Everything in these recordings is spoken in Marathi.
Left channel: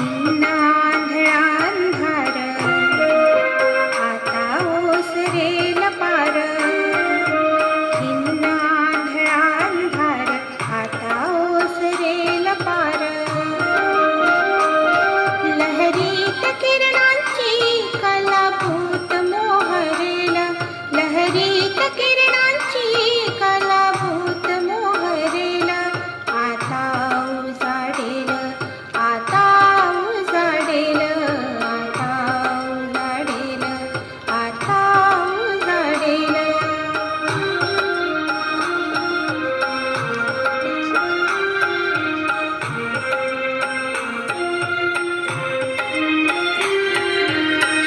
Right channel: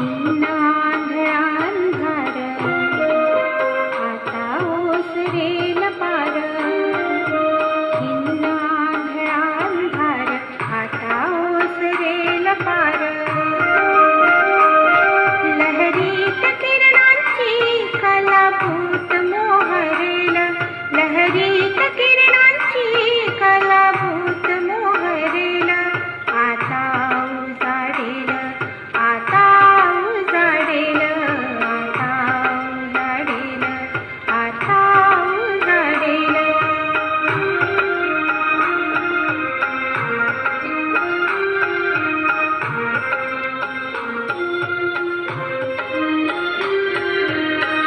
No.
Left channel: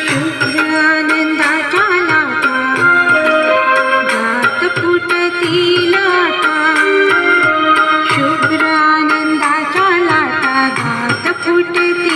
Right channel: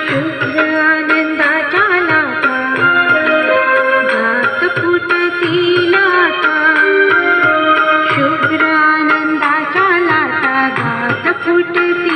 शुक्र आनंदाच्या लाटा दात फुटती लाटा शुक्र आनंदाच्या लाटा दात फुटती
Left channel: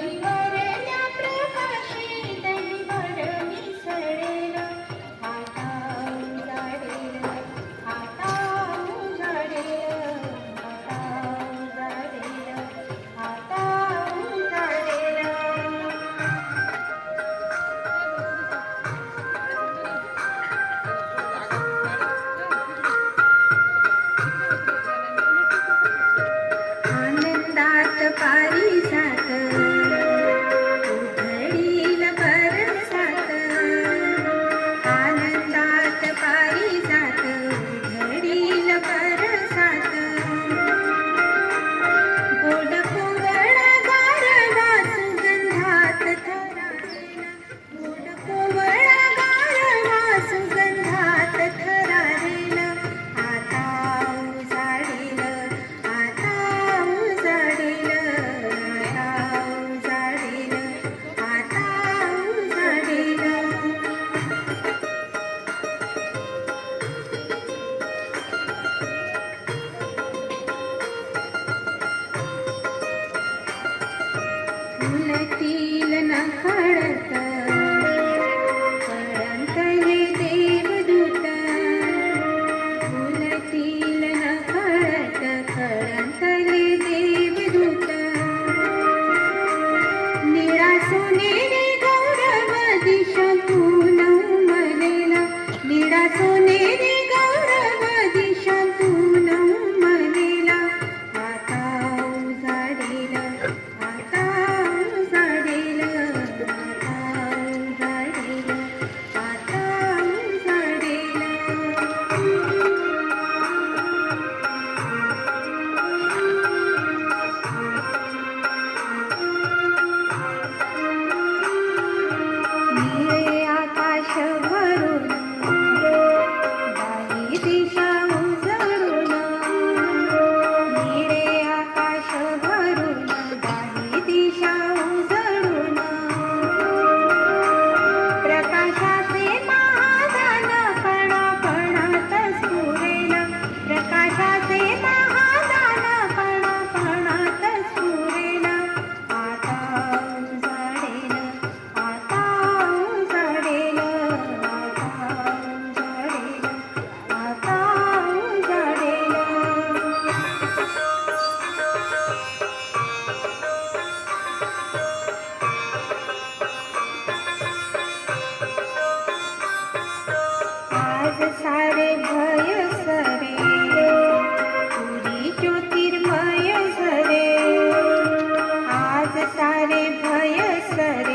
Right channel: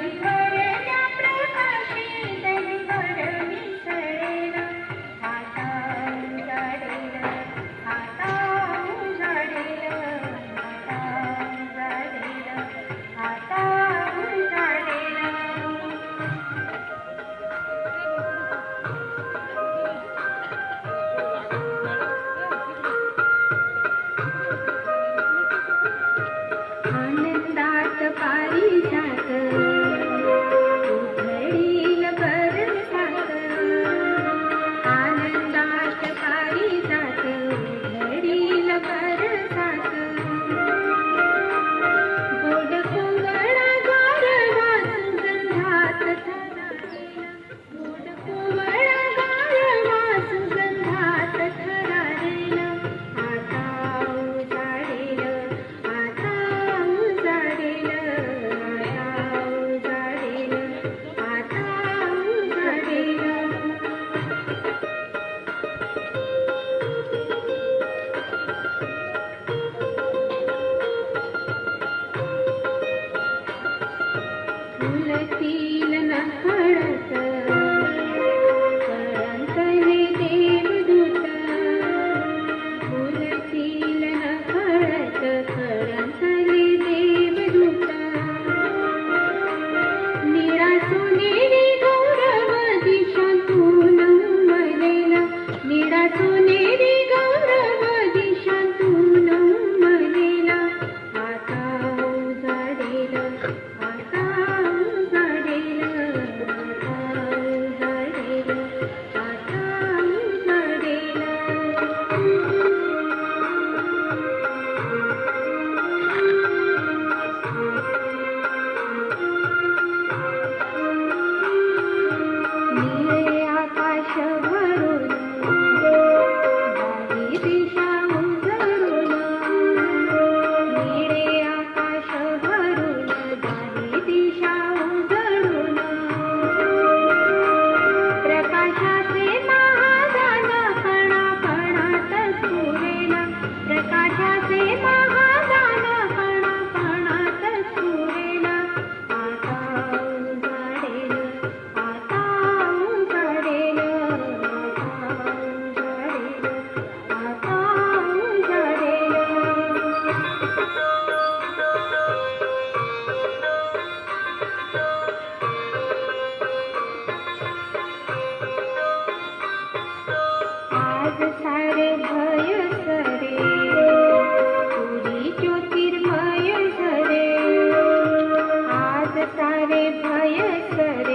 Happy birthday. உள்ளத்தில் ज्योतिर्मय सरे आज सारे भय सरे